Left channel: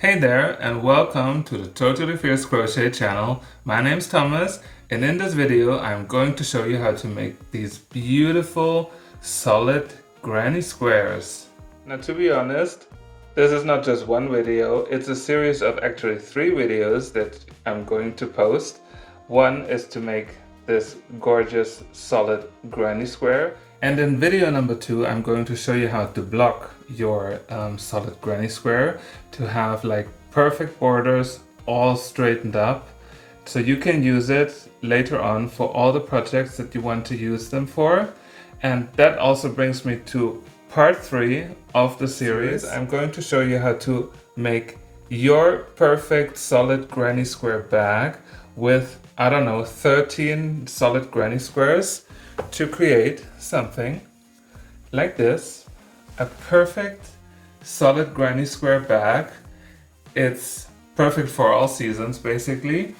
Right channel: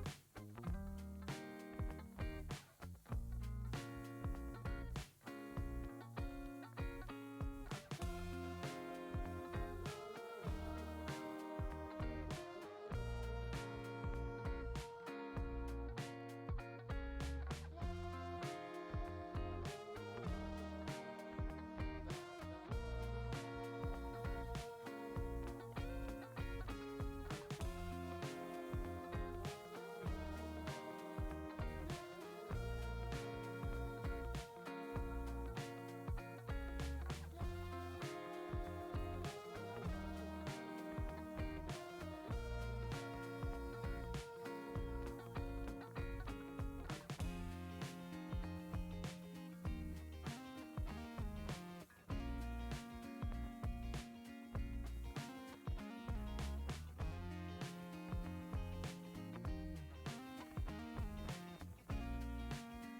Hey there and welcome to the Totally Fierce Crochet channel. My name's Thomas and in this video I'm going to show you how to make these beautiful solid granny squares. Now to be honest, this is not just one video, it's a series of actually 3 videos that I'm going to post. One is to make this gorgeous solid granny square, and in video number 2 I'm going to show you how to block your solid granny square to have like perfect borders all straightened up so you can use it later on for all the projects that you want to use them for. And that also brings me to part 3 of the series. I'm going to show you how to make your perfect solid granny square bag with, I don't know, 13 solid granny squares to create something like this, a perfect solid granny square bag. It's perfect for all seasons basically,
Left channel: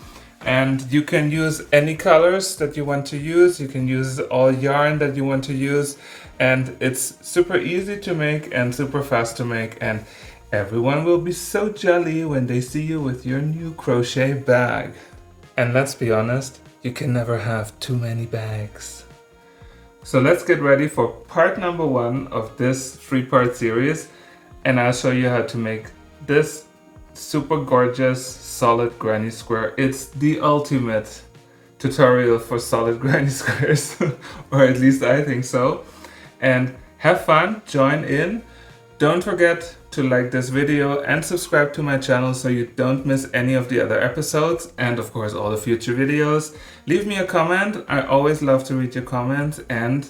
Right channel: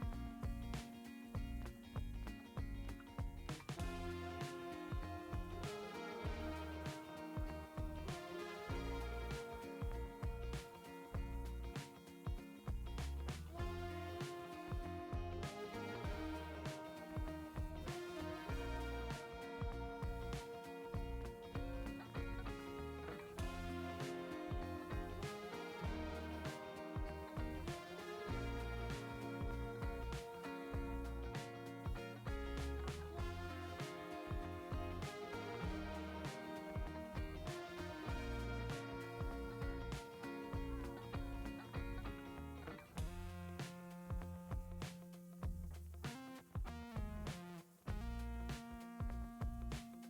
and you can use any colors that you want to use, you can use all yarn that you want to use, and it's super easy to make and super fast to make, and everyone will be so jolly when they see you with your new crochet bag. And let's be honest, you can never have too many bags. So let's get ready for part number 1 of this 3-part series, and I'll show you how to make this super gorgeous solid granny square. It's the ultimate tutorial for solid granny squares, or at least I think so. And have fun, join in. Don't forget to like this video and subscribe to my channel so you don't miss any of the other episodes and of course all the future videos. Leave me a comment, I always love to read your comments, and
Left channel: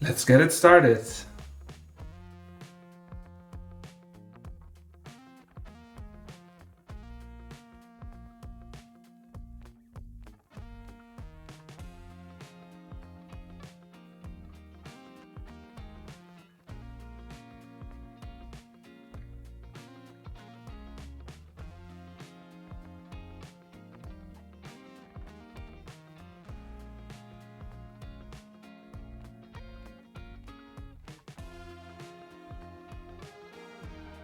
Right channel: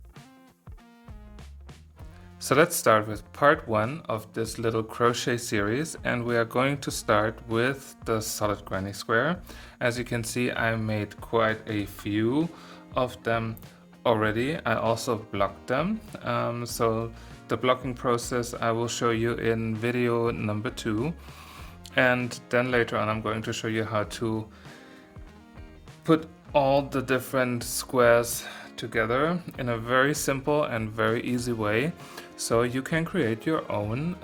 let's get it started. So let's start with part 1 of this little crochet series, and we are going to start with the solid granny square. As you can see, I made quite a few of them already. I also blocked them, so the blocking process I will show you in video number 2, and then later on I'm going to show you how to put all the different squares together in a very simple and very easy way so you can create your own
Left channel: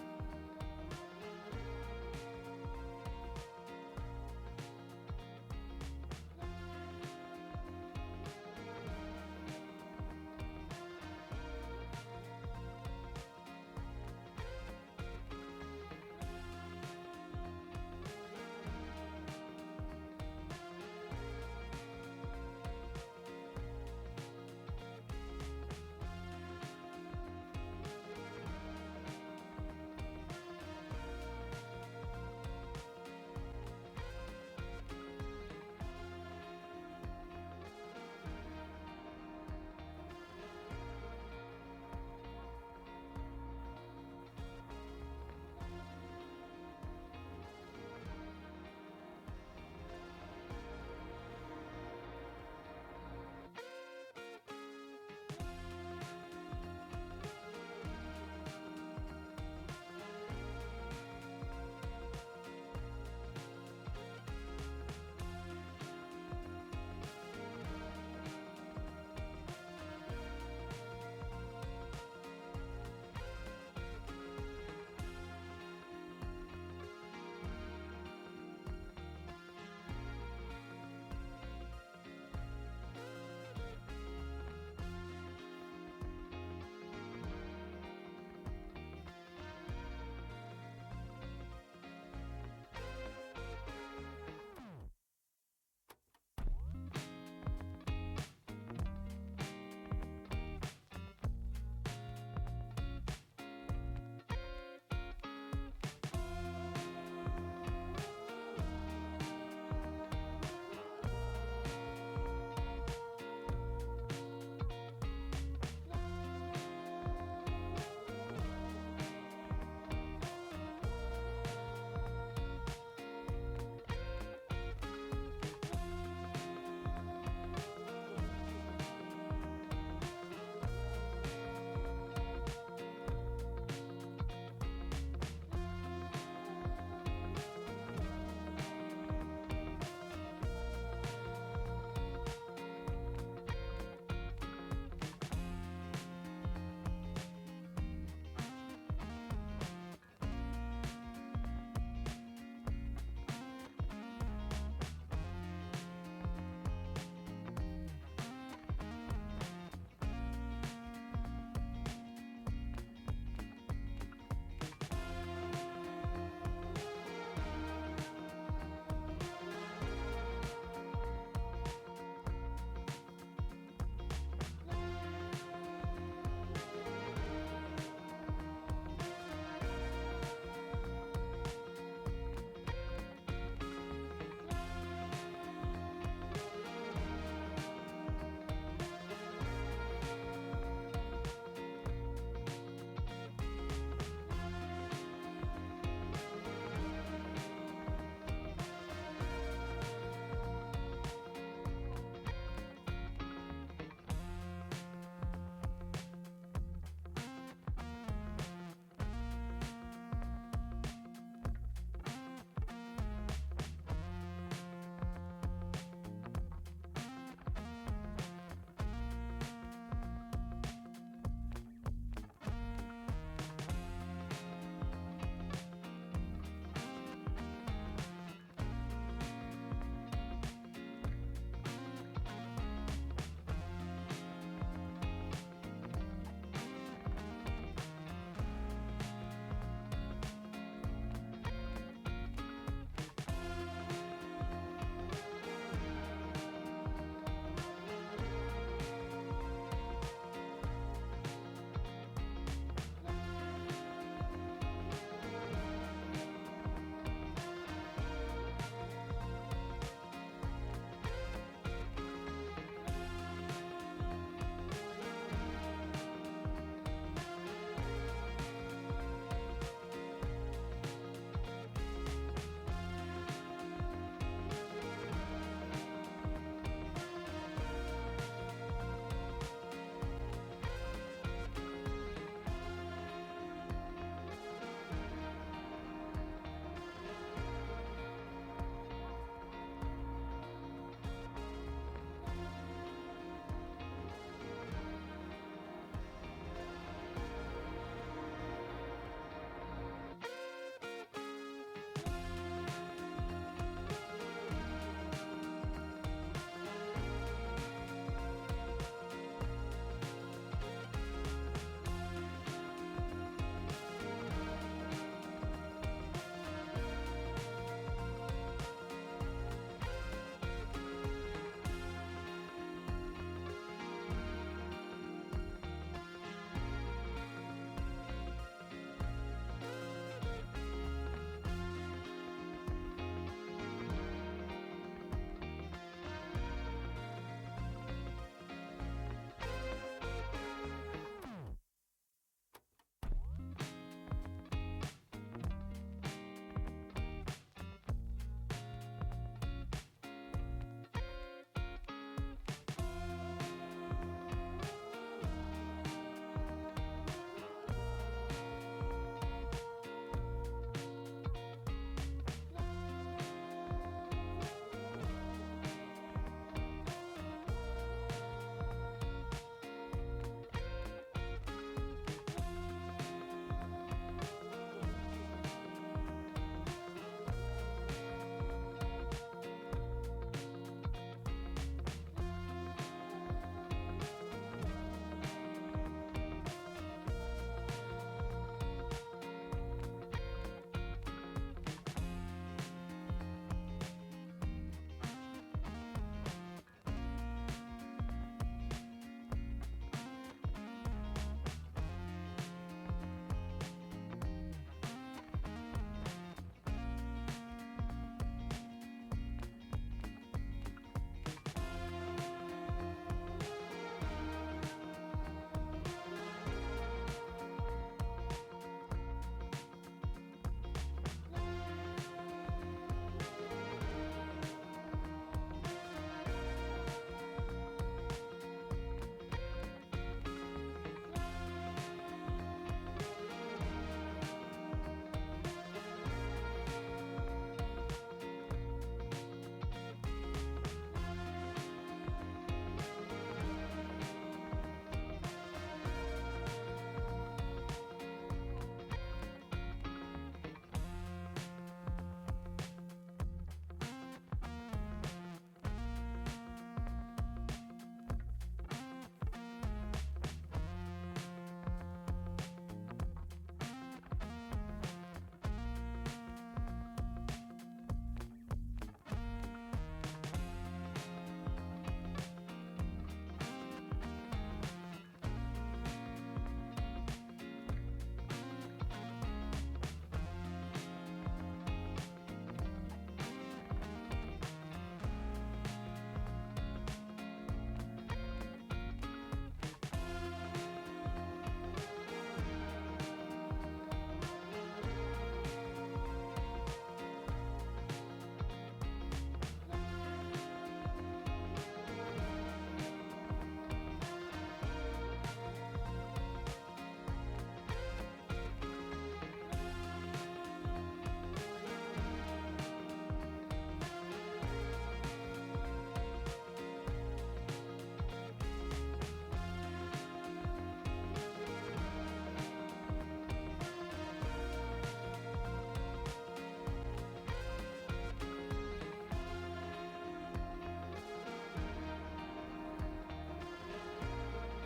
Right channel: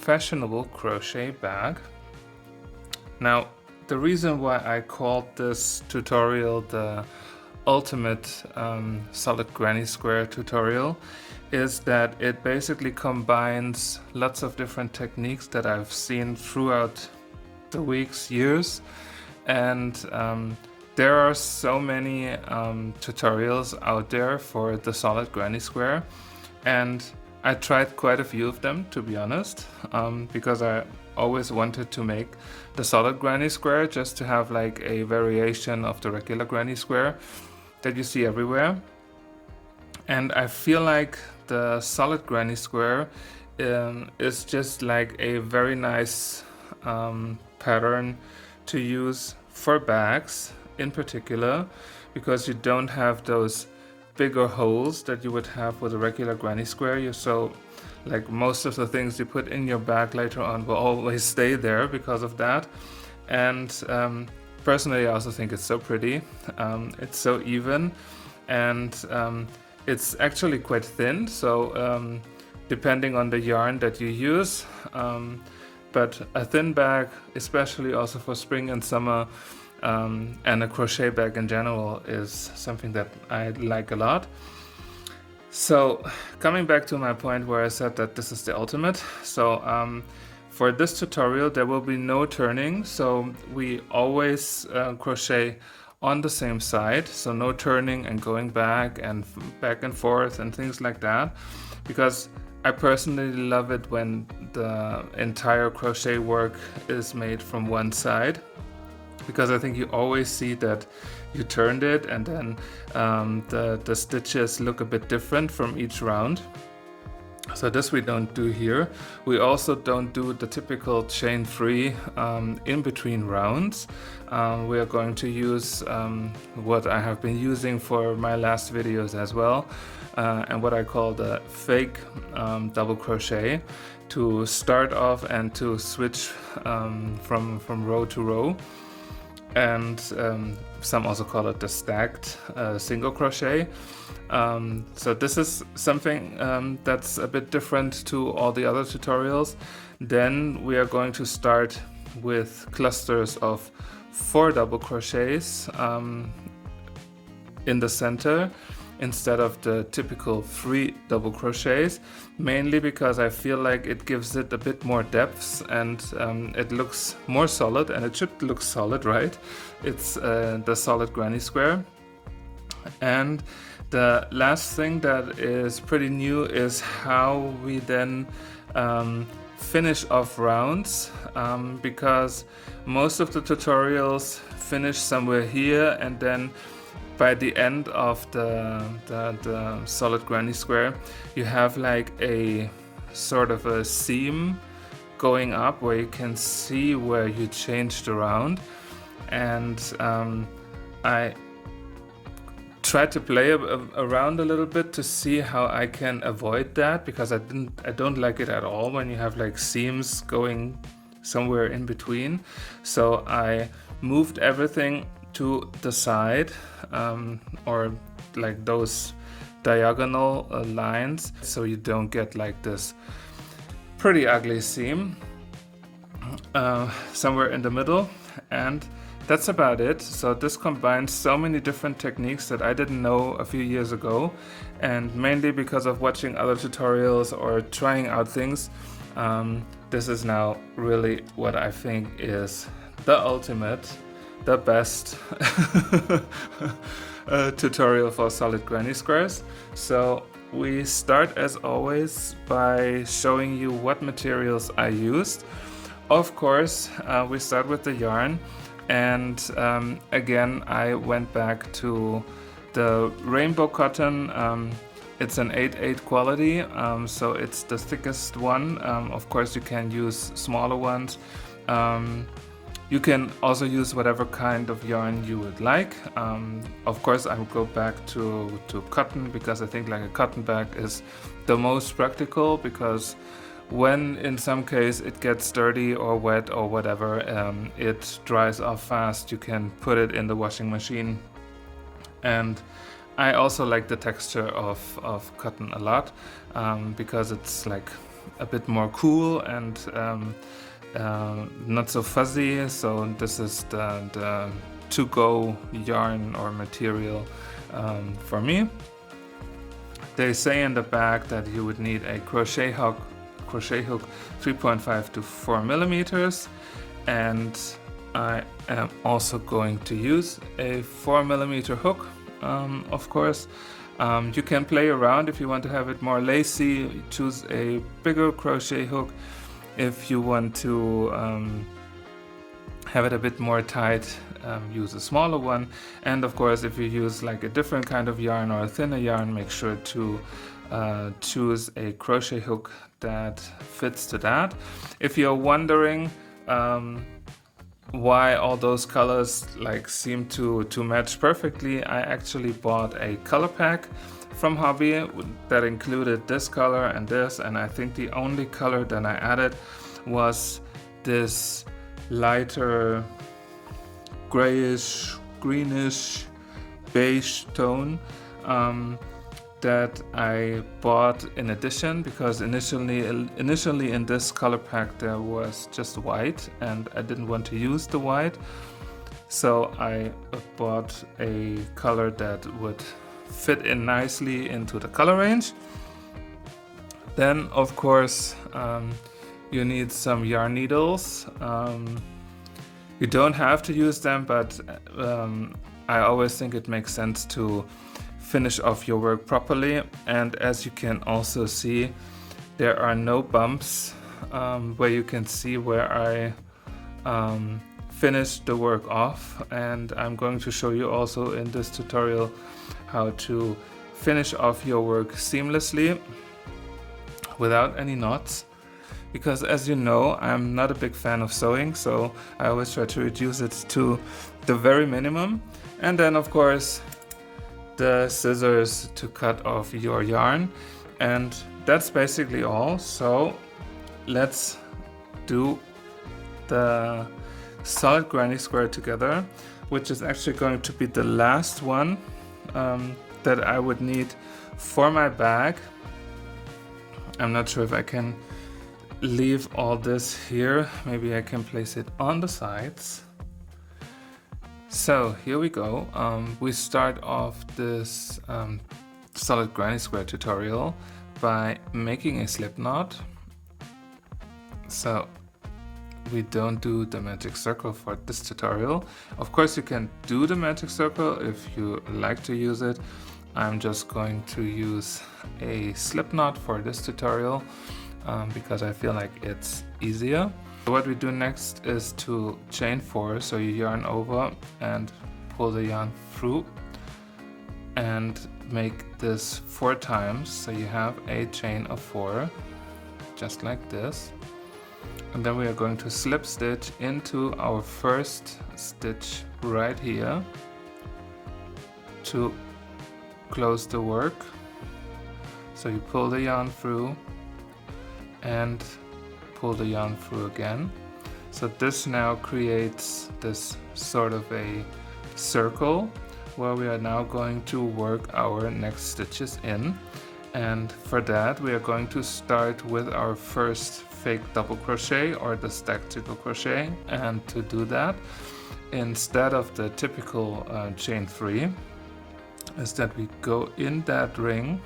fashionable crochet bag. Now, the reason why I called this tutorial the ultimate solid granny square tutorial is that it basically combines lots of different techniques that I've seen throughout the weeks, years, and there are so many tutorials out there for the solid granny square, and I tried quite a few of them, to be honest, because I always wanted to make the solid granny square just to have like a variation of the regular granny square that you see everywhere. And I feel like the solid granny square is just like a very nice pattern to use for bags in particular, because you don't have those bigger holes that you would have with a regular granny square. So like most of the things you put in your bag later on will always stay there because of that. And personally I also think it's so pretty. It's so even, and it's actually quite thin, so depending on the yarn that you use, but a thin bag, especially also for spring and summer, and a crochet bag in general, is something that I like a lot. So coming back to my point where I said that this is the ultimate, so for this tutorial there will be no turning, so we always crochet on the same side, so no turning and going back and forth and things like that, because I personally love it when the entire crochet work is made from one side, because I think you always see that you turned it and then the stitches look a bit different from each round. So this we don't do here. We also don't do the typical chain free in between rounds. We are going to use what I have been using for my last videos as well, and what I call the fake double crochet, to start off and to switch from row to row. and some also call it the stacked single crochet. So this is something that's a bit different to all the other tutorials. Then we are going to start with clusters of 4 double crochets in the center instead of the typical 3 double crochets, mainly because I feel like it gives it a bit more depth and it looks more solid, and it should look solid, right? It's the solid granny square. And the last thing that is pretty new is how we then finish off rounds, because most of the tutorials finish somewhere here, and then by the end of the solid granny square you have like a sort of a seam going up where you can see where you changed around. And I tried to play around a little bit to see how I can avoid that, because I don't like it at all when you have like seams going somewhere in between. So I moved everything to the side, or like those diagonal lines, so you don't get like this pretty ugly seam somewhere in the middle. And that's about it. So this combines so many different techniques that I didn't know a few years ago, and mainly because of watching other tutorials or trying out things, this is now really what I think is the ultimate, the best tutorial for solid granny squares. So we start as always by showing you what materials I used. Of course, we start with the yarn, and again I went back to the rainbow cotton. It's an 8/8 quality, so it's the thickest one. Of course you can use smaller ones. You can also use whatever kind of yarn you would like. Of course I will go back to cotton, because I think like a cotton bag is the most practical, because when in some case it gets dirty or wet or whatever, it dries off fast. You can put it in the washing machine. And I also like the texture of cotton a lot, because it's like a bit more cool and not so fuzzy. So this is the to-go yarn or material for me. They say in the back that you would need a crochet hook 3.5 to 4 millimeters, and I am also going to use a 4 millimeter hook. Of course, you can play around if you want to have it more lacy. Choose a bigger crochet hook. If you want to have it a bit more tight, use a smaller one. And of course, if you use like a different kind of yarn or a thinner yarn, make sure to choose a crochet hook that fits to that. If you're wondering why all those colors like seem to match perfectly, I actually bought a color pack from Hobbii that included this color and this, and I think the only color that I added was this lighter grayish, greenish, beige tone that I bought in addition, because initially in this color pack there was just white and I didn't want to use the white, so I bought a color that would fit in nicely into the color range. Then of course you need some yarn needles. You don't have to use them, but I always think it makes sense to finish off your work properly. And as you can also see, there are no bumps where you can see where I finished the work off. And I'm going to show you also in this tutorial how to finish off your work seamlessly without any knots, because as you know, I'm not a big fan of sewing, so I always try to reduce it to the very minimum. And then of course the scissors to cut off your yarn, and that's basically all. So let's do the solid granny square together, which is actually going to be the last one that I would need for my bag. I'm not sure if I can leave all this here. Maybe I can place it on the sides. So here we go. We start off this solid granny square tutorial by making a slip knot. So we don't do the magic circle for this tutorial. Of course you can do the magic circle if you like to use it. I'm just going to use a slip knot for this tutorial because I feel like it's easier. What we do next is to chain 4, so you yarn over and pull the yarn through and make this 4 times, so you have a chain of 4, just like this. And then we are going to slip stitch into our first stitch right here to close the work. So you pull the yarn through and pull the yarn through again. So this now creates this sort of a circle where we are now going to work our next stitches in. And for that we are going to start with our first fake double crochet or the stacked single crochet. And to do that, instead of the typical chain 3, is that we go in that ring,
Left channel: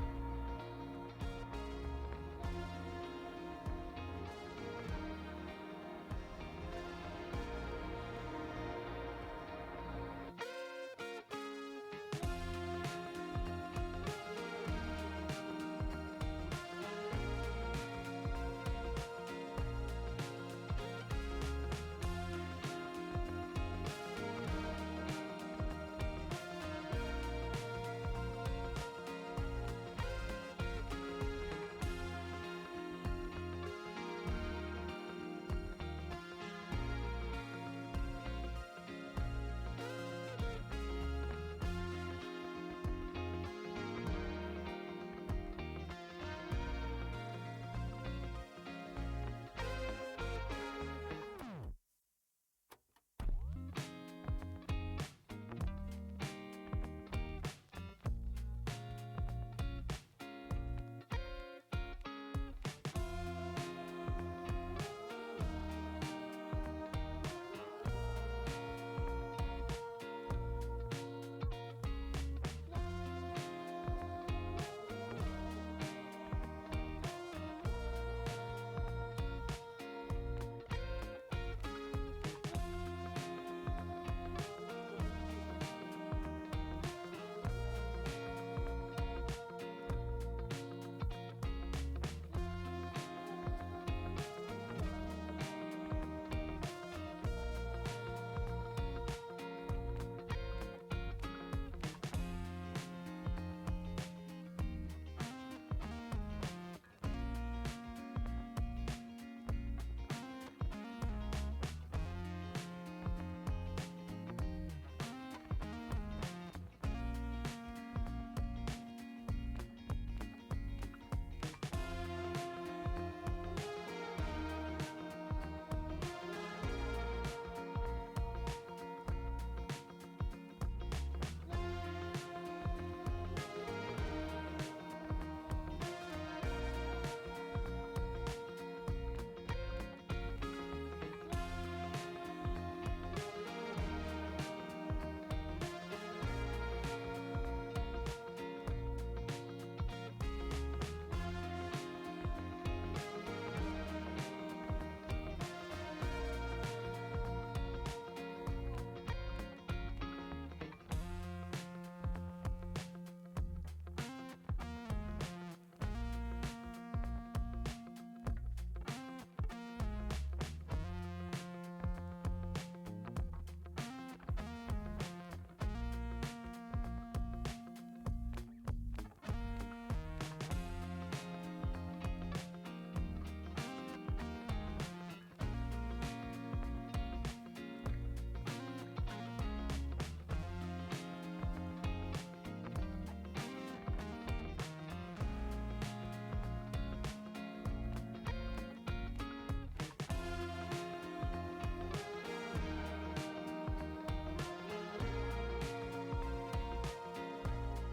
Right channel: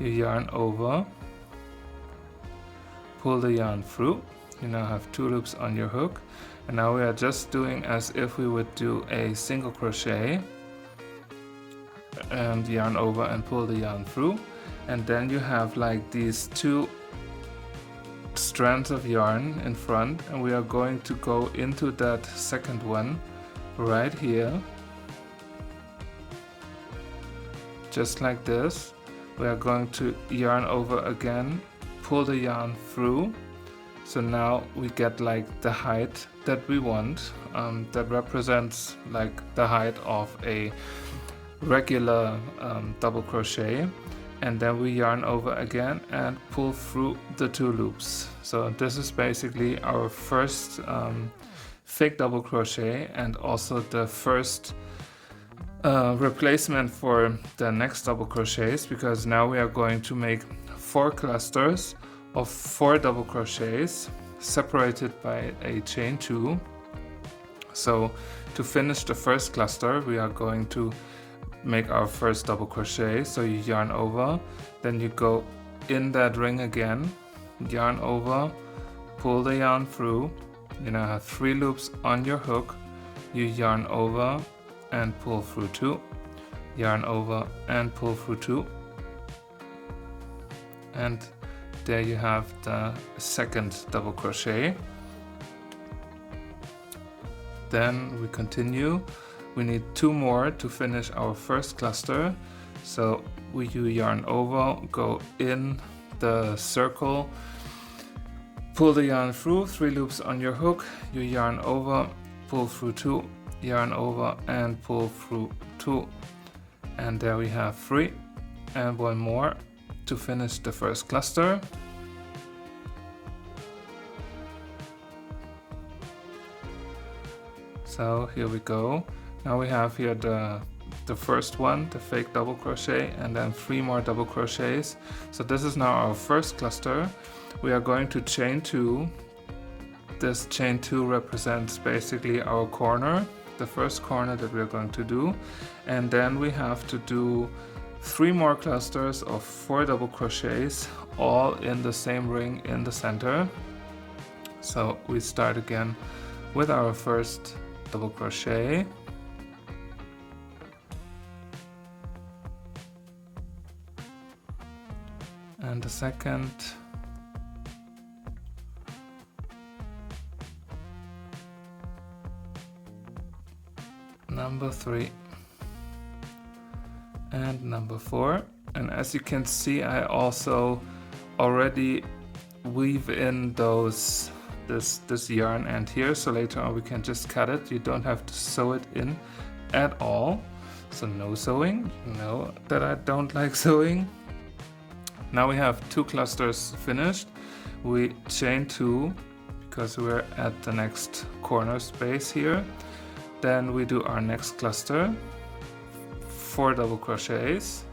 you yarn over, pull the yarn through. You now have 2 loops on your hook, and now we are just doing as if we would do a single crochet and yarn over and pull the yarn through, and then you have like these 2 strands of yarn in front, and we are going to go into that second one right here, just like this. We are going to yarn over again, pull the yarn through, so now we get like the height that we want, that represents like the height of a regular double crochet. And then we yarn over again and pull through the 2 loops. So this is basically our first fake double crochet, and also the first replacement for the next double crochets, because now we are going to make 4 clusters of 4 double crochets separated by a chain 2. So to finish the first cluster we are going to make our first double crochet. So you yarn over, then you go in that ring again, yarn over, pull the yarn through. You now have 3 loops on your hook, you yarn over and pull through 2, yarn over and pull through 2, and there you have the second double crochet. Then we continue. We need 2 more to finish our first cluster. So you yarn over, go in the circle, pull the yarn through, 3 loops on your hook, you yarn over, pull through 2, yarn over and pull through 2, and there we have 3, and 1 more to finish the first cluster. So here we go. Now we have here the first one, the fake double crochet, and then 3 more double crochets. So this is now our first cluster. We are going to chain 2. This chain 2 represents basically our corner, the first corner that we are going to do, and then we have to do 3 more clusters of 4 double crochets, all in the same ring in the center. So we start again with our first double crochet, and the second, number 3, and number 4. And as you can see, I also already weave in this yarn end here, so later on we can just cut it. You don't have to sew it in at all. So no sewing. You know that I don't like sewing. Now we have 2 clusters finished. We chain 2, because we're at the next corner space here. Then we do our next cluster, 4 double crochets,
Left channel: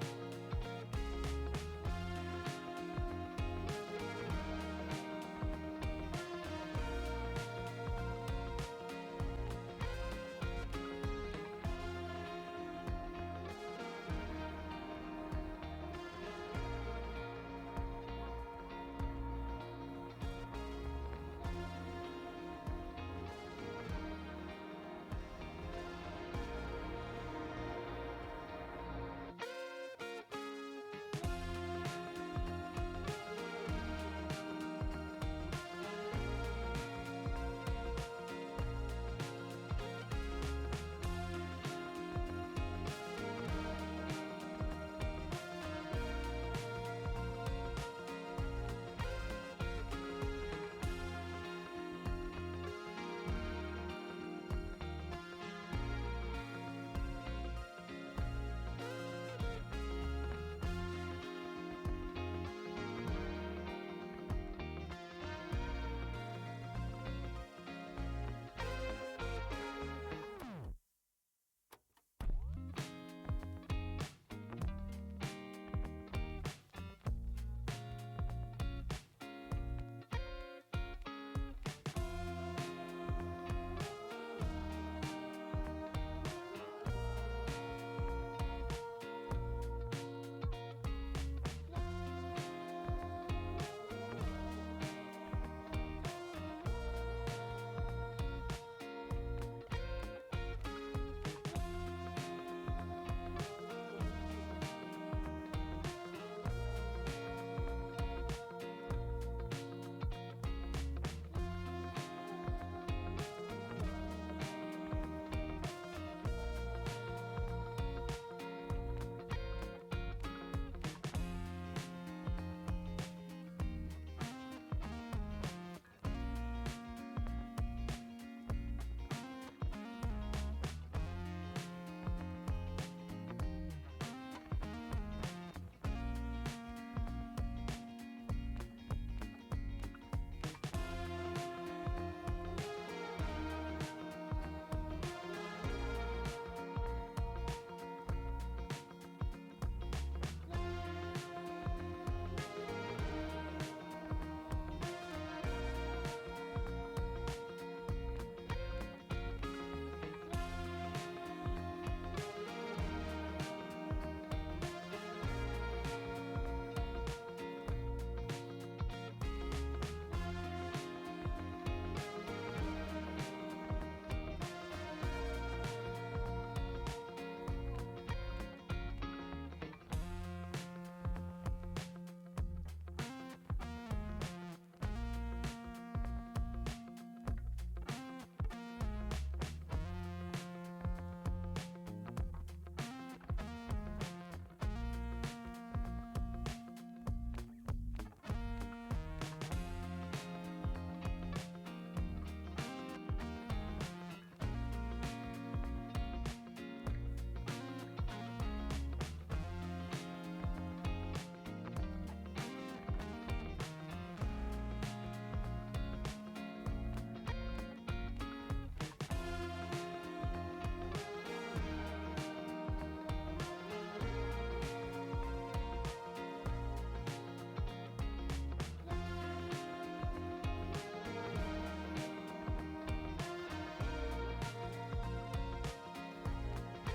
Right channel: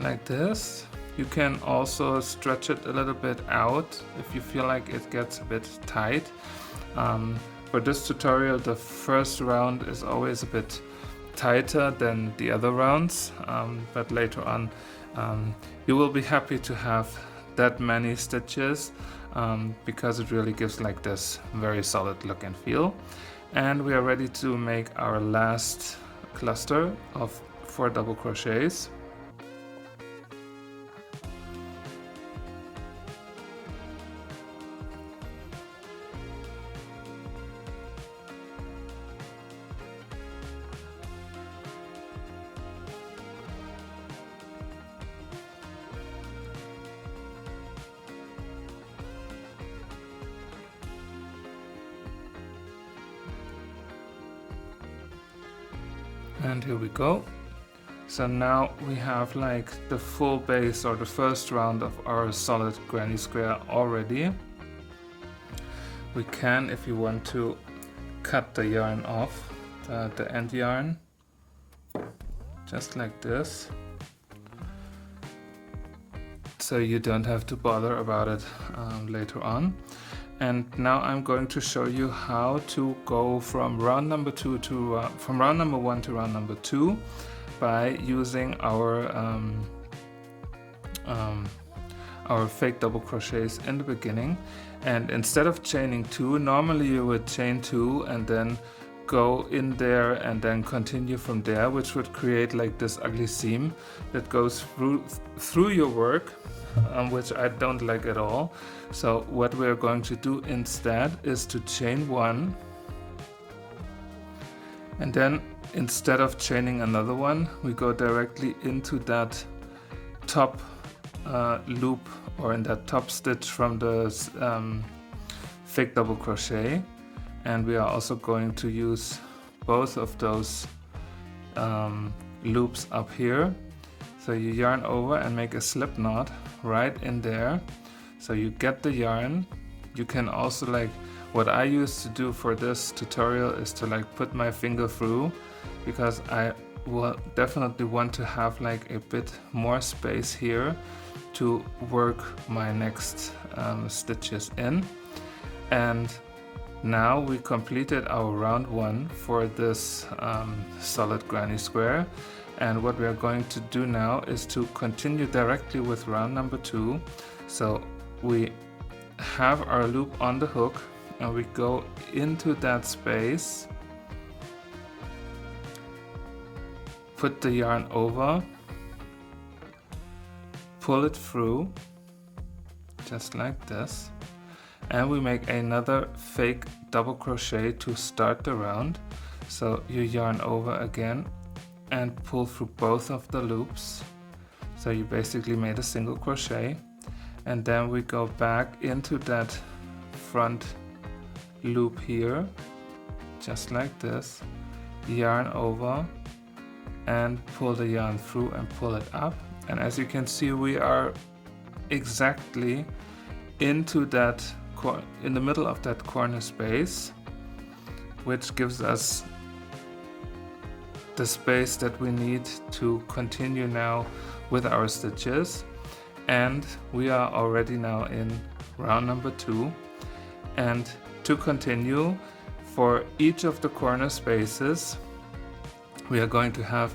like this. You can also stretch it a little bit out if you feel like it gets a bit tight. For this tutorial, the first round is always a bit tighter than the other rounds, but later on you will be happy to have that many stitches because it really gives like this very solid look and feel. And we are ready to make our last cluster of 4 double crochets. And here we go. So now we have like the full base or the first round of our solid granny square already. We can, if you want to, cut the yarn off, the end yarn, just like this. So you don't have to bother about it later on. And now I'm going to show you how to go from round number 2 to from round number 1 to round number 2 by using our fake double crochets in the beginning. And instead of chaining 2, normally you would chain 2 and then go in there and then continue from there, which would create like this ugly seam that goes through your work, which I don't like at all. So what we're going to do instead is to chain 1, and then instead of chaining another one, we go directly into that top loop, or in that top stitch from the fake double crochet. And we are also going to use both of those loops up here. So you yarn over and make a slip knot right in there. So you get the yarn. You can also, like what I used to do for this tutorial, is to like put my finger through, because I will definitely want to have like a bit more space here to work my next stitches in. And now we completed our round 1 for this solid granny square. And what we are going to do now is to continue directly with round number 2. So we have our loop on the hook and we go into that space, put the yarn over, pull it through just like this, and we make another fake double crochet to start the round. So you yarn over again and pull through both of the loops. So you basically made a single crochet, and then we go back into that front loop here, just like this, yarn over and pull the yarn through and pull it up. And as you can see, we are exactly into that in the middle of that corner space, which gives us the space that we need to continue now with our stitches. And we are already now in round number 2, and to continue, for each of the corner spaces we are going to have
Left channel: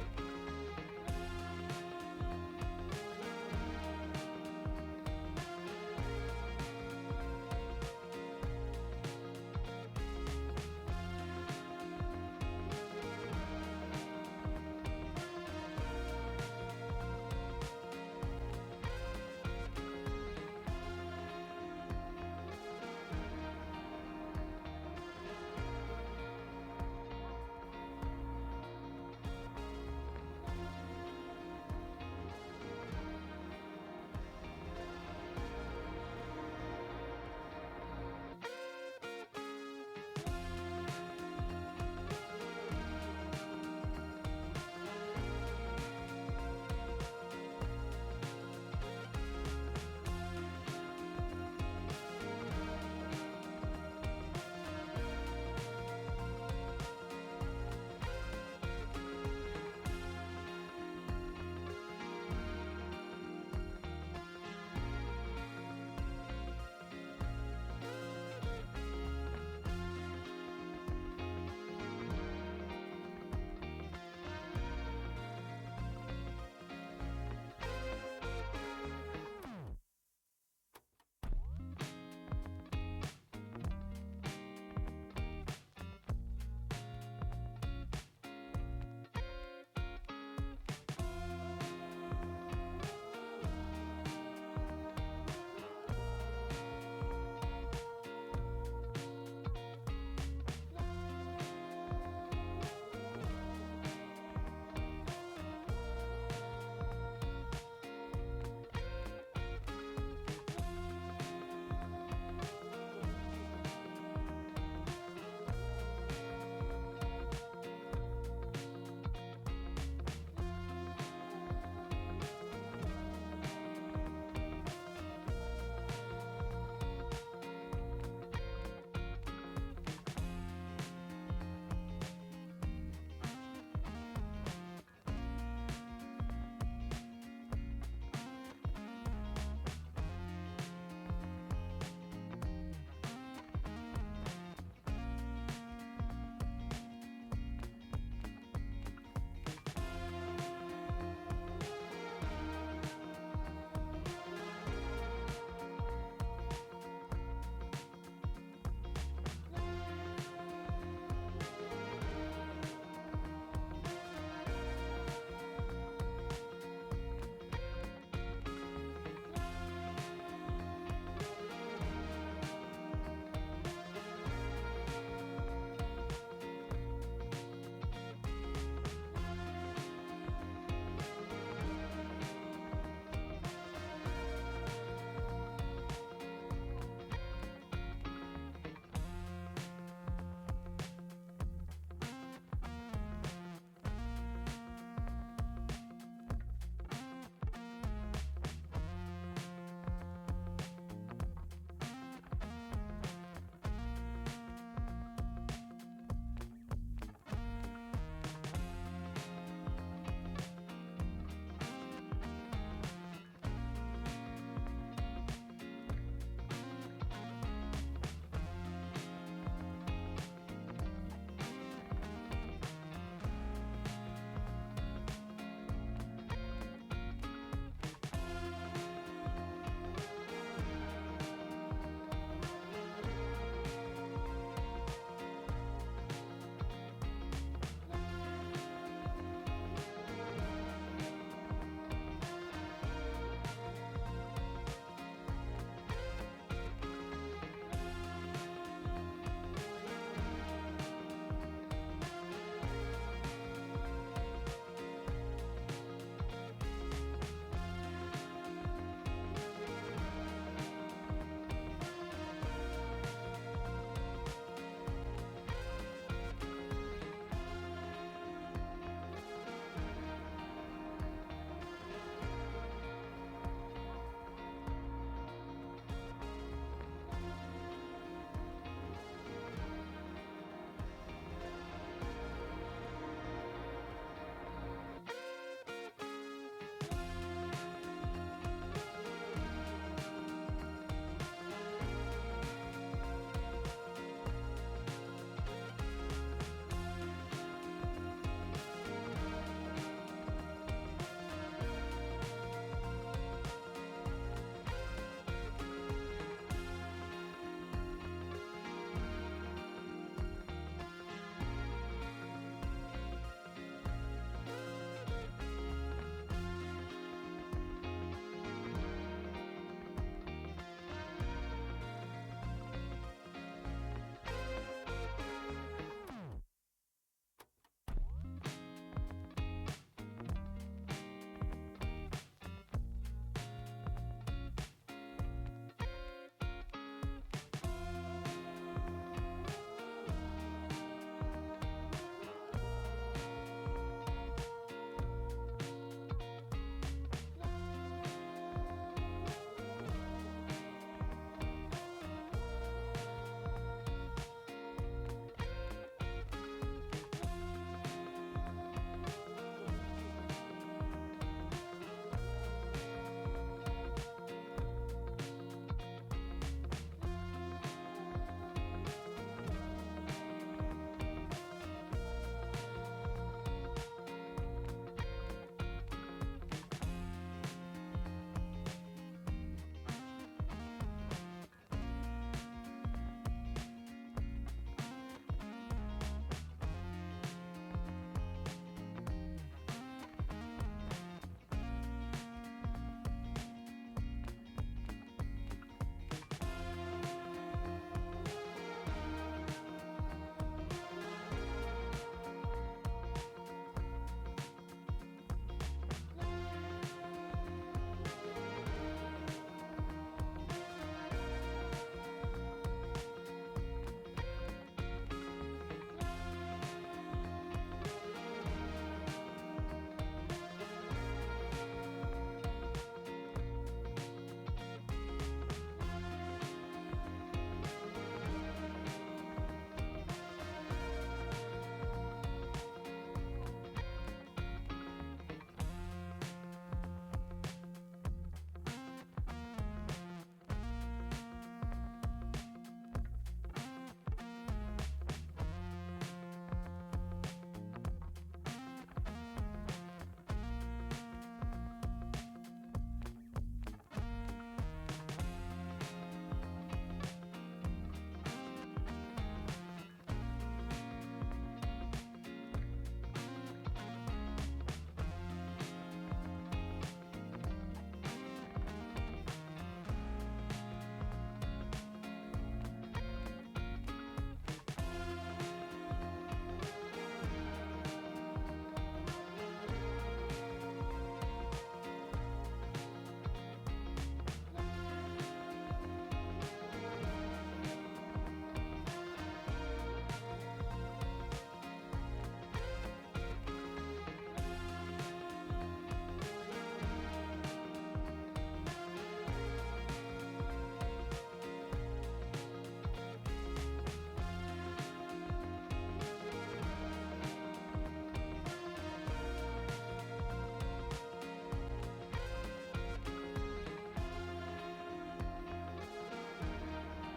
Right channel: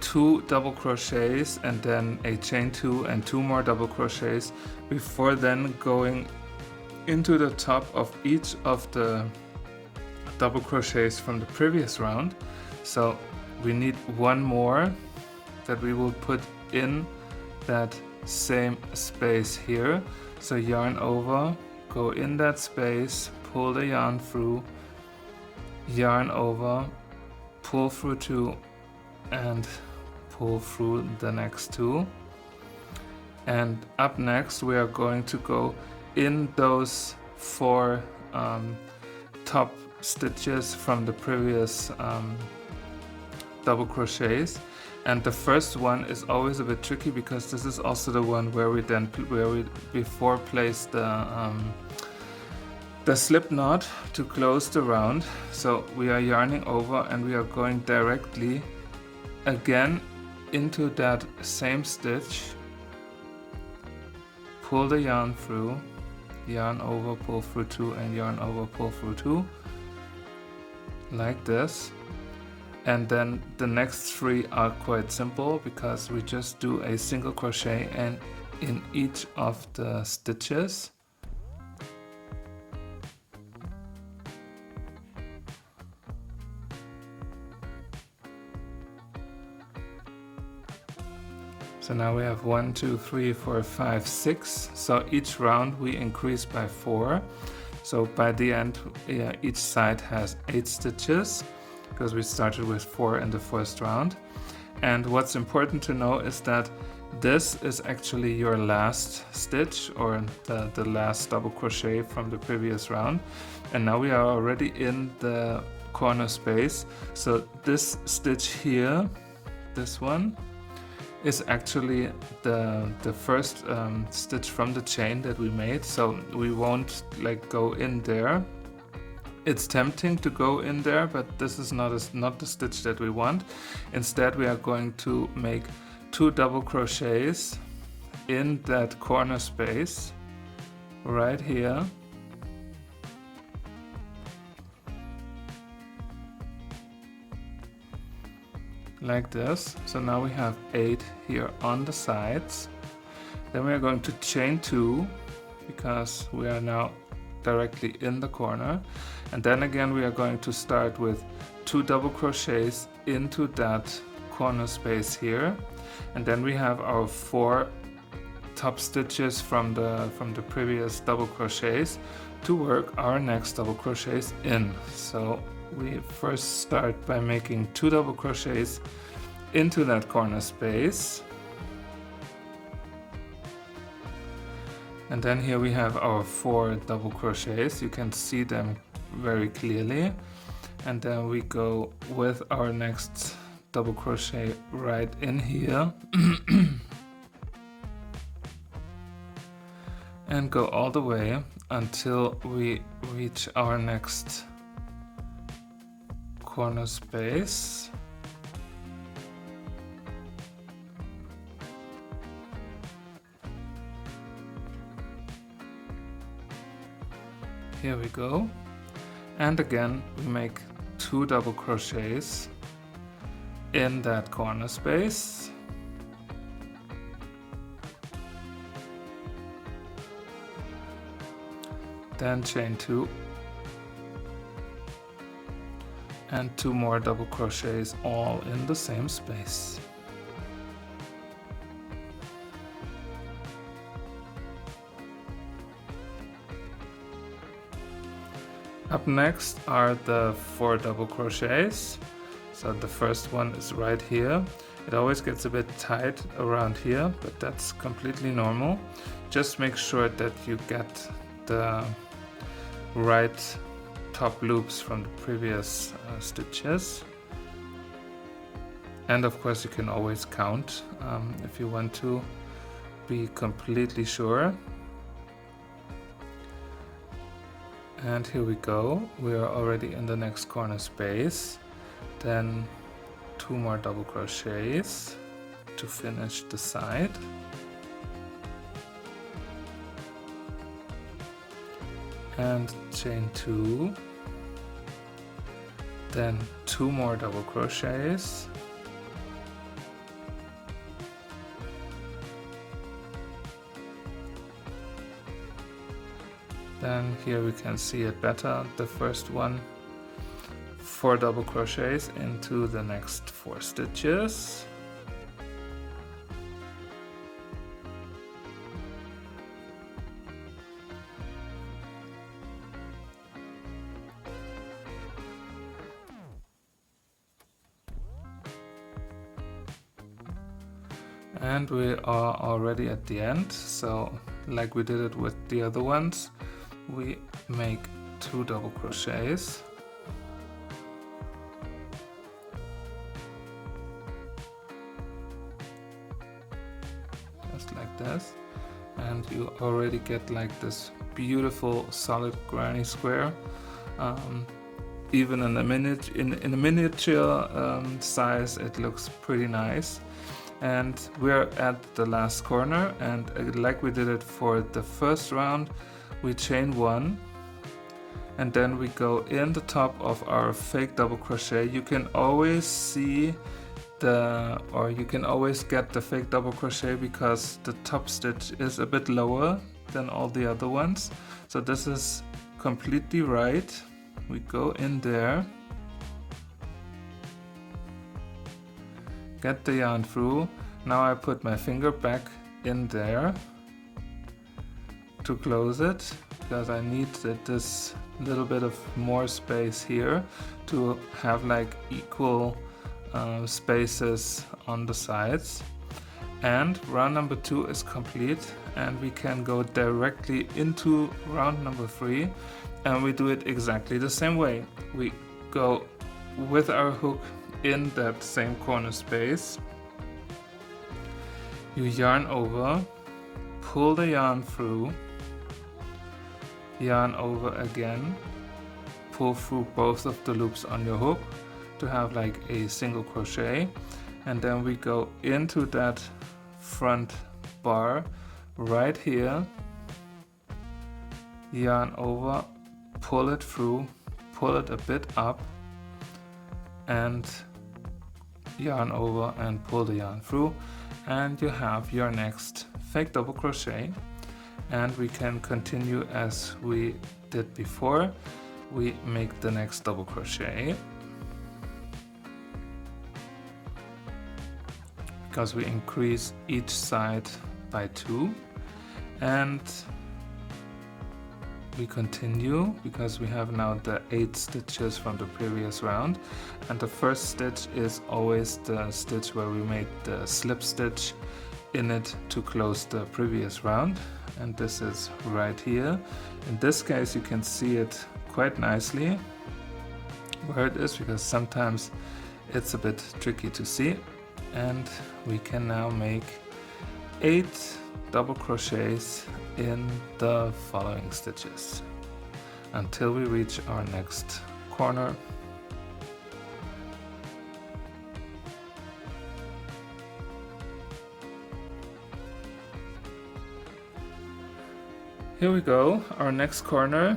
2 double crochets and then a chain 2 and 2 more double crochets before then going into the top of each of the double crochets from the previous round. So we need 1 more that we will put in that same space here. So yarn over, go in that space, pull the yarn through, yarn over, pull through 2 and pull through the next 2, And up next we are going to go in those 4 top stitches from the previous double crochets. And the first one is always a bit tricky because this is also the one where we before place the slip knot to close the round. So we are yarning over and we are going directly again into that same stitch, pull the yarn through, yarn over, pull through 2, and yarn over, pull through 2, like this. And then the next 3 are quite simple because we just do a single crochet and in each of the stitches. So now we have 1, 2, 3, 4, 5, 6. So each round we increase by 4. So by the end, each side has 8 stitches because we started with 4 in the first round. And what's important to know is that this is actually your last stitch, or the last double crochet from the previous round. And now we are already in the corner space. So this stitch here, this one, is actually the first stitch from the chain that we made. So we won't like go in there. It's tempting to go in there, but this is not the stitch that we want. Instead, we are going to make 2 double crochets in that corner space right here. Like this. So now we have 8 here on the sides. Then we are going to chain 2 because we are now directly in the corner. And then again we are going to start with 2 double crochets into that corner space here. And then we have our 4 top stitches from the previous double crochets to work our next double crochets in. So we first start by making 2 double crochets into that corner space. And then here we have our 4 double crochets. You can see them very clearly. And then we go with our next double crochet right in here. And go all the way until we reach our next corner space. Here we go. And again we make 2 double crochets in that corner space. Then chain 2 and 2 more double crochets all in the same space. Up next are the 4 double crochets. So the first one is right here. It always gets a bit tight around here, but that's completely normal. Just make sure that you get the right top loops from the previous stitches. And of course you can always count if you want to be completely sure. And here we go, we are already in the next corner space. Then 2 more double crochets to finish the side. And chain 2, then 2 more double crochets, then here we can see it better, the first one, 4 double crochets into the next 4 stitches. And we are already at the end, so like we did it with the other ones, we make 2 double crochets. Just like this. And you already get like this beautiful solid granny square. Even in the miniature size, it looks pretty nice. And we're at the last corner, and like we did it for the first round, we chain 1 and then we go in the top of our fake double crochet. You can always see you can always get the fake double crochet because the top stitch is a bit lower than all the other ones. So this is completely right. We go in there, get the yarn through. Now I put my finger back in there to close it because I need this little bit of more space here to have like equal spaces on the sides. And round number 2 is complete, and we can go directly into round number 3, and we do it exactly the same way. We go with our hook in that same corner space. You yarn over, pull the yarn through, yarn over again, pull through both of the loops on your hook to have like a single crochet, and then we go into that front bar right here, yarn over, pull it through, pull it a bit up, and yarn over and pull the yarn through, and you have your next fake double crochet. And we can continue as we did before. We make the next double crochet because we increase each side by 2, and we continue because we have now the 8 stitches from the previous round, and the first stitch is always the stitch where we made the slip stitch in it to close the previous round, and this is right here. In this case you can see it quite nicely where it is because sometimes it's a bit tricky to see. And we can now make 8 double crochets in the following stitches until we reach our next corner. Here we go, our next corner.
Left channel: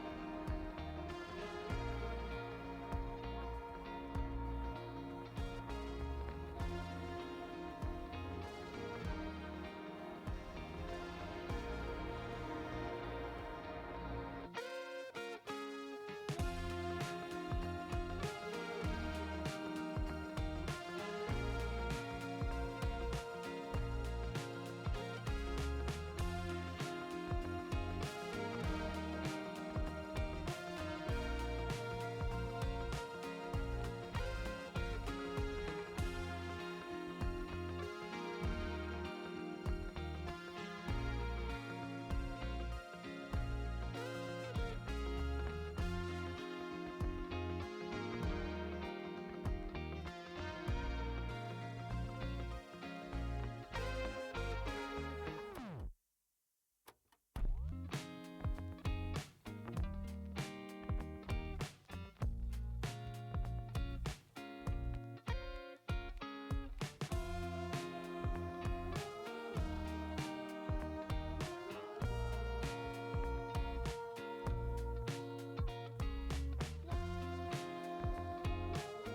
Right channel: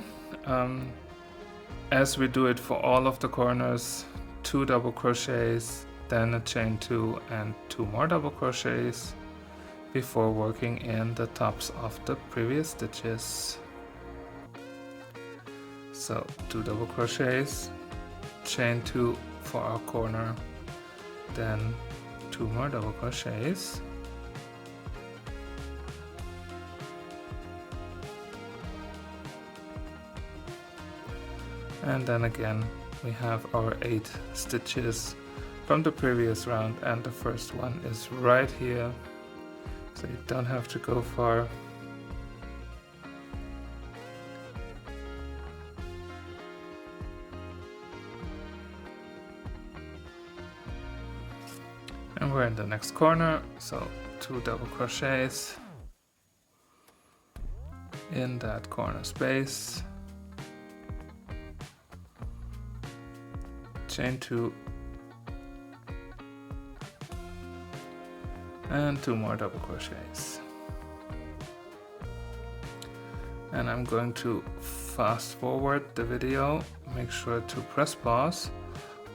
As we do it for all of the corners, 2 double crochets, then a chain 2 and 2 more double crochets before working in the tops of the previous stitches. So 2 double crochets, chain 2 for our corner, then 2 more double crochets, and then again we have our 8 stitches from the previous round, and the first one is right here, so you don't have to go far. And we're in the next corner, so 2 double crochets in that corner space, chain 2 and 2 more double crochets. And I'm going to fast forward the video. Make sure to press pause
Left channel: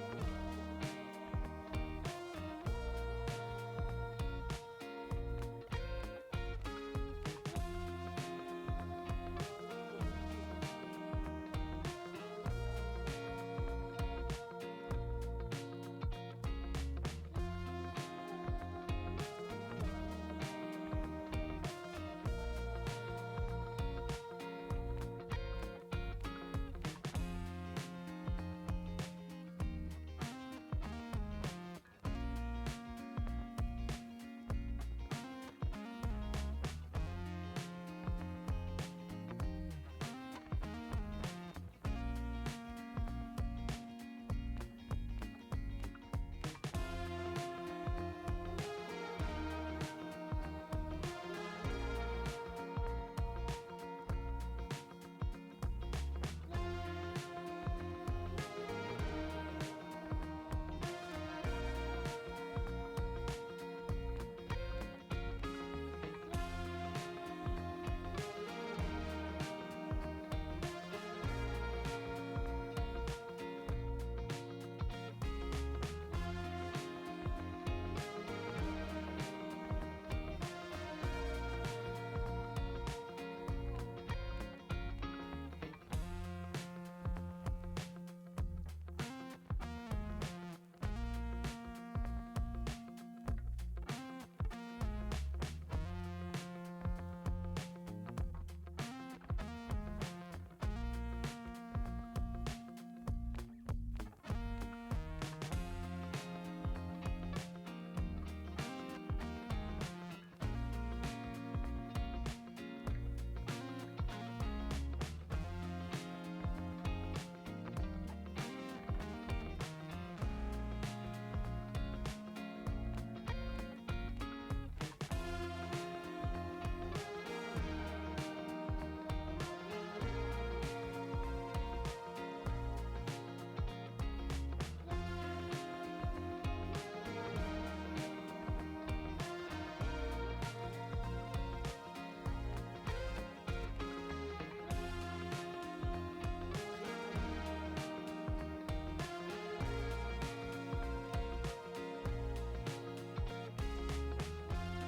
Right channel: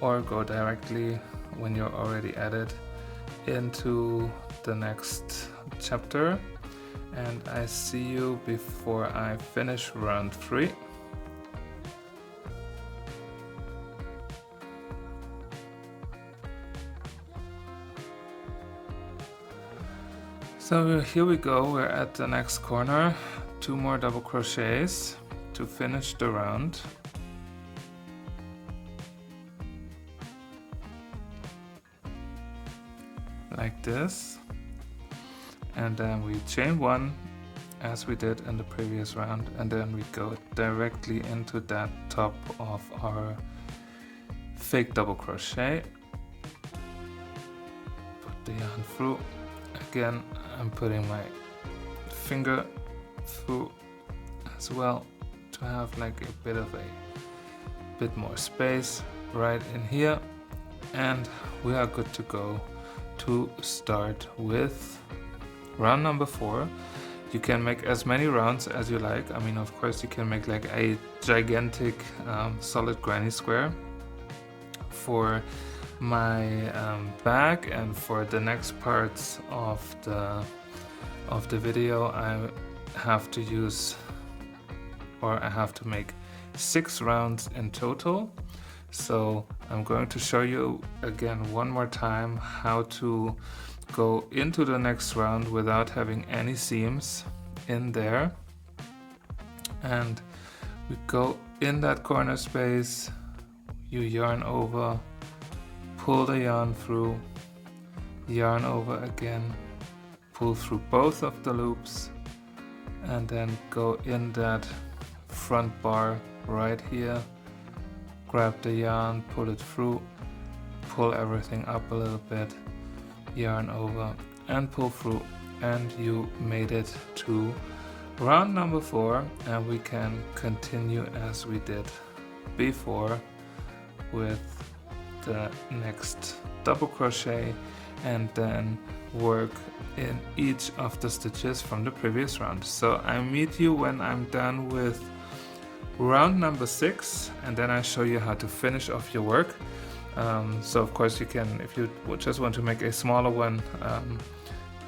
or go directly when you're already at it into the next chapter, and I see you before I finish round 3. So here we go, we're at the next corner, 2 more double crochets to finish the round. Like this. and then we chain 1 as we did in the previous round, and then we go directly into that top of our fake double crochet. Put the yarn through. Again, I'm putting my finger through as well to have like a bit more space right in here, and we are good to go to start with round number 4. You can make as many rounds as you like. I mean, of course, you can make like a gigantic solid granny square. For my back and for the next parts of the video, I have to use, or I have to make 6 rounds in total. So I'm going to show you again one more time how to go into the next round without having any seams in there. And we go in that corner space, you yarn over, pull the yarn through, yarn over again, pull through both of the loops, and then go in that front bar right here, grab the yarn, pull it through, pull everything up a little bit, yarn over and pull through, and you made it to round number 4, and we can continue as we did before with the next double crochet and then work in each of the stitches from the previous round. So I meet you when I'm done with round number 6, and then I show you how to finish off your work. So of course you can, if you just want to make a smaller one,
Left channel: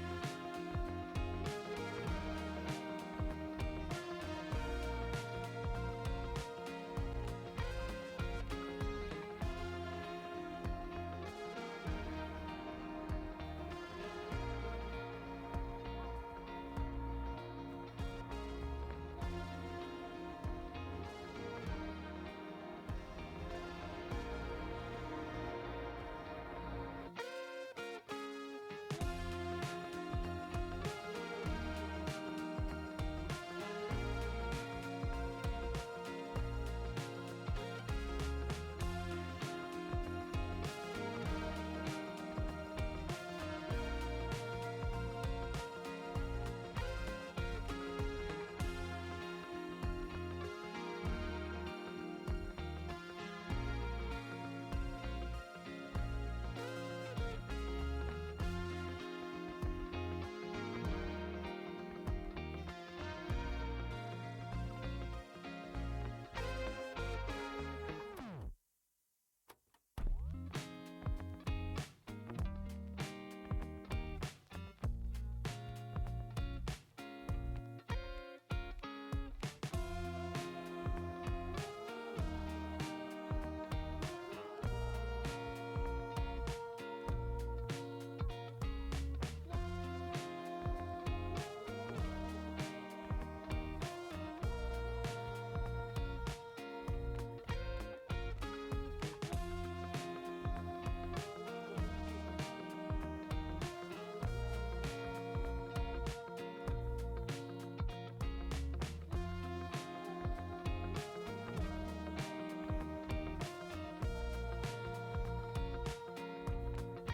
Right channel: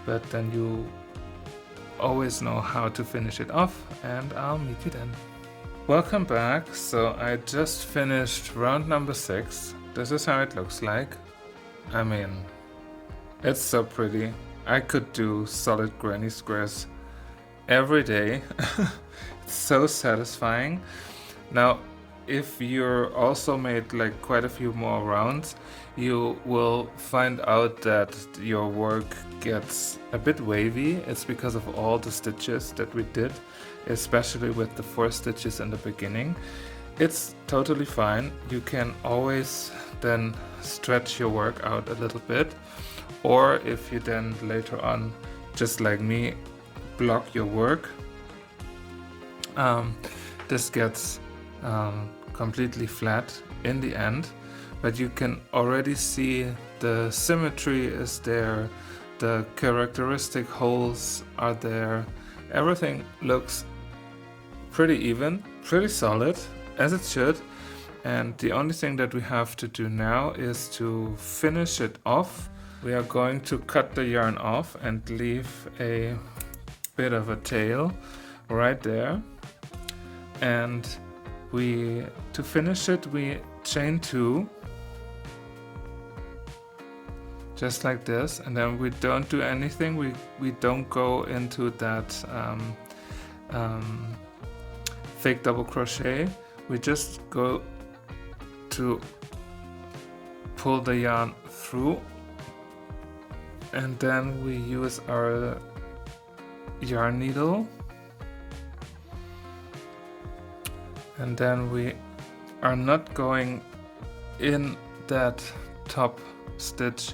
but then you always know how to finish it off, and I'll meet you then. Welcome back. So I just finished round number 6. This is how it looks like. I mean, it's so pretty. I could do solid granny squares every day. It's so satisfying. Now, if you're also made like quite a few more rounds, you will find out that your work gets a bit wavy. It's because of all the stitches that we did, especially with the 4 stitches in the beginning. It's totally fine. You can always then stretch your work out a little bit, or if you then later on, just like me, block your work, this gets completely flat in the end, but you can already see the symmetry is there, the characteristic holes are there, everything looks pretty even, pretty solid, as it should. And the only thing that we have to do now is to finish it off. We are going to cut the yarn off and leave a bit of a tail right there, and to finish it we chain 2 just like this, and then we don't do anything. We don't go into that fake double crochet. We just go to pull the yarn through, and then we use our yarn needle, and then we are not going in that top stitch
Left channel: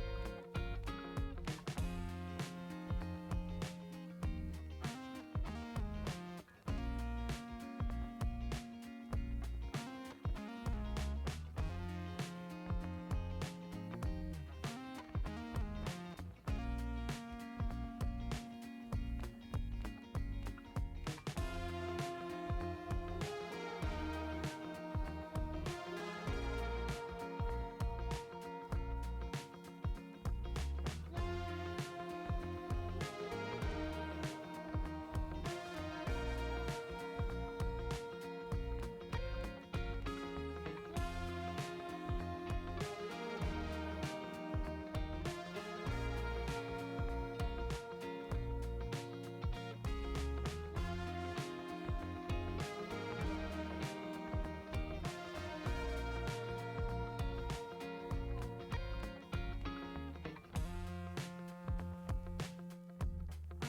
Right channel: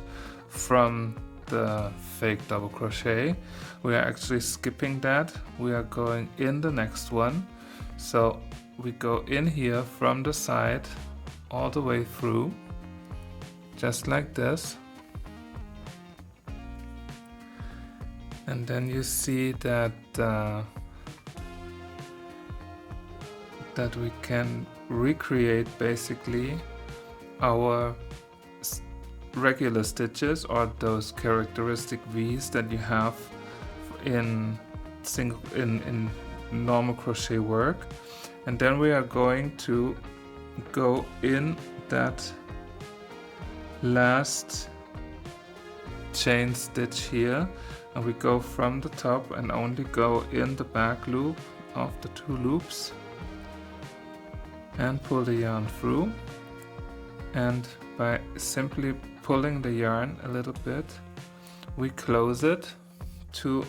from the fake double crochet. We are actually skipping that. We are going in the next one. So we go in here from the side all the way through, just like this. And then you see that that we can recreate basically our regular stitches, or those characteristic V's that you have in normal crochet work. And then we are going to go in that last chain stitch here, and we go from the top and only go in the back loop of the 2 loops and pull the yarn through, and by simply pulling the yarn a little bit we close it to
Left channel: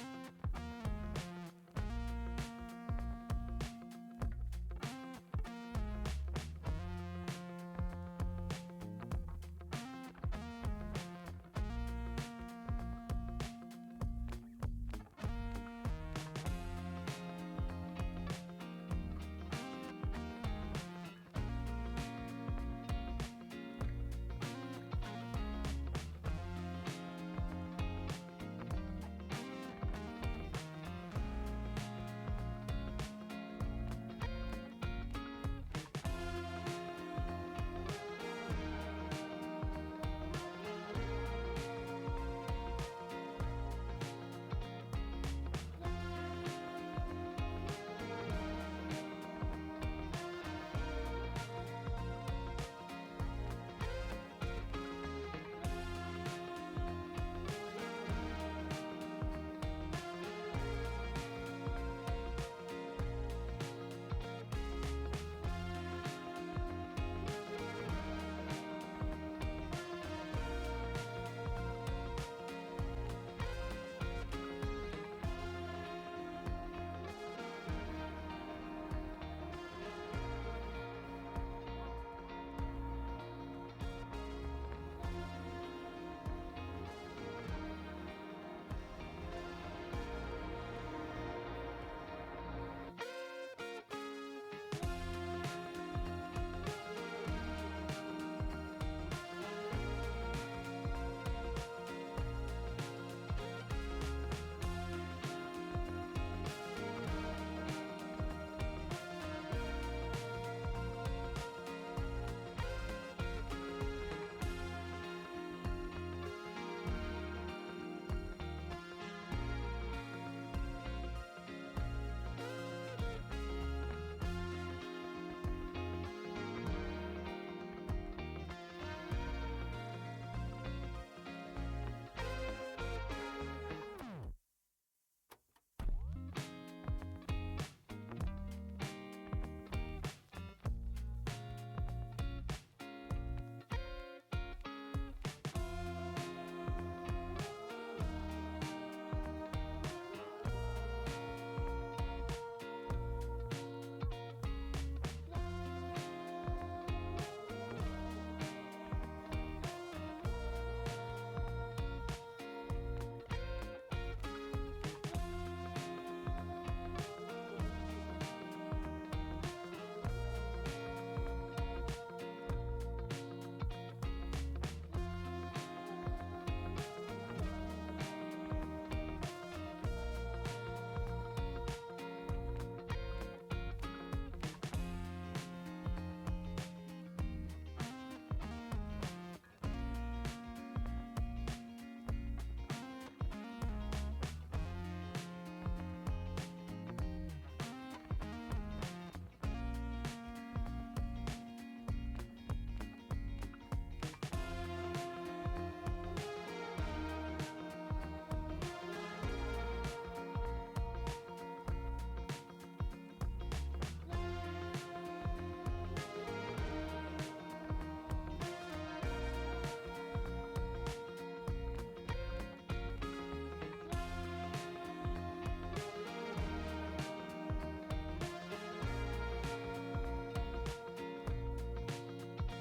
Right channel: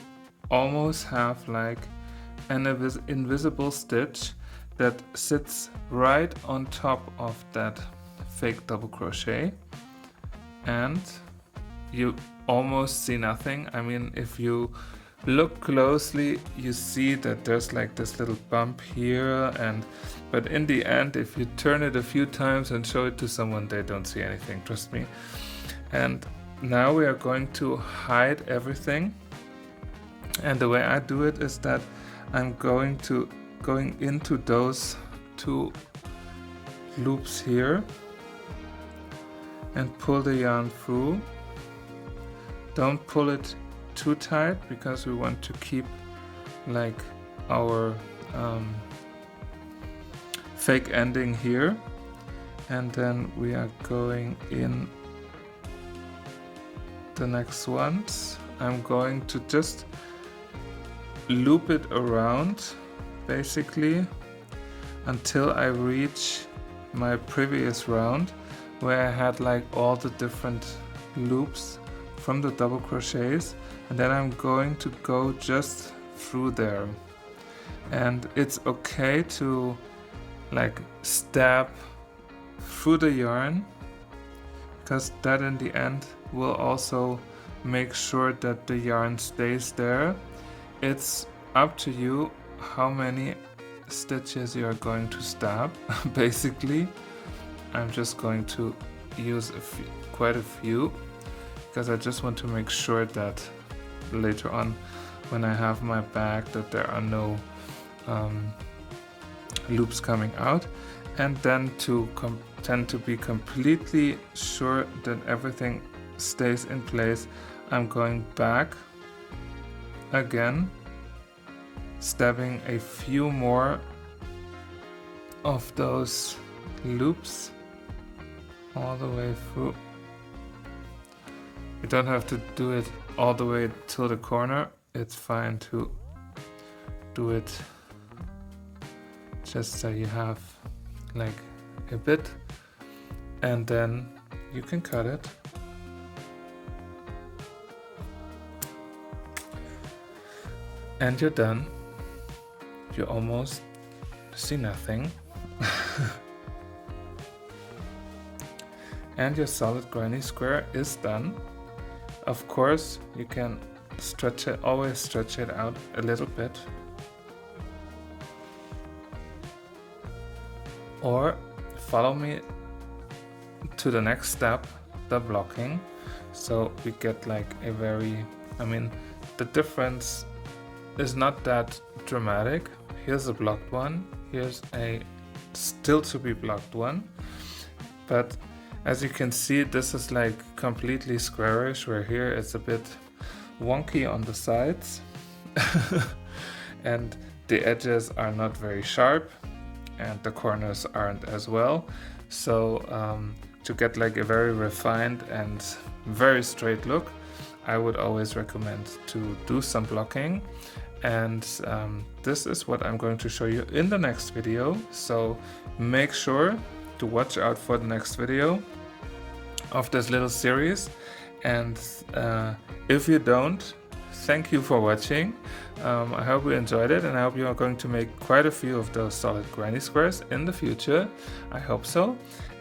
almost have like an invisible stitch that sits right on top of that fake double crochet, and you almost see nothing. I mean, if you look closely, you see that there's like this little bump here, but in the end, if you turn it a few times and show it to someone, they don't see anything, trust me. And now we are going to hide everything, and the way I do it is that I'm going into those two loops here and pull the yarn through. Don't pull it too tight because we want to keep like our fake ending here, and then we are going in the next ones. I'm going to just loop it around basically until I reach my previous round where I had like all the different loops from the double crochets, and then I'm going to go just through there. And it's okay to like stab through the yarn, because that in the end will also make sure that the yarn stays there. It's up to you how many stitches you are going to stab. Basically, I'm just going to use quite a few, because I just want to make sure that later on when I have my bag that there are no loops coming out. And then to tend to be completely sure that everything stays in place, I'm going back again, stabbing a few more of those loops all the way through. You don't have to do it all the way to the corner. It's fine to do it just so you have like a bit, and then you can cut it. And you're done. You almost see nothing. And your solid granny square is done. Of course, you can stretch it, always stretch it out a little bit. Or follow me to the next step, the blocking. So we get like a very, I mean, the difference is not that dramatic. Here's a blocked one, here's a still to be blocked one, but as you can see, this is like completely squarish, where here it's a bit wonky on the sides and the edges are not very sharp and the corners aren't as well. So to get like a very refined and very straight look, I would always recommend to do some blocking. And this is what I'm going to show you in the next video, so make sure to watch out for the next video of this little series. And if you don't, thank you for watching. I hope you enjoyed it, and I hope you are going to make quite a few of those solid granny squares in the future. I hope so.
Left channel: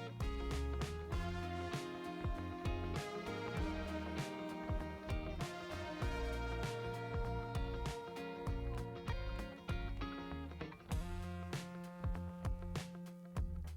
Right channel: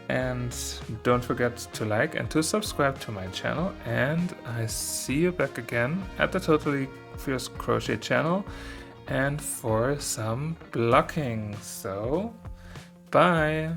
And don't forget to like and to subscribe to my channel, and I see you back again at the Totally Fierce Crochet channel and for some blocking. So bye.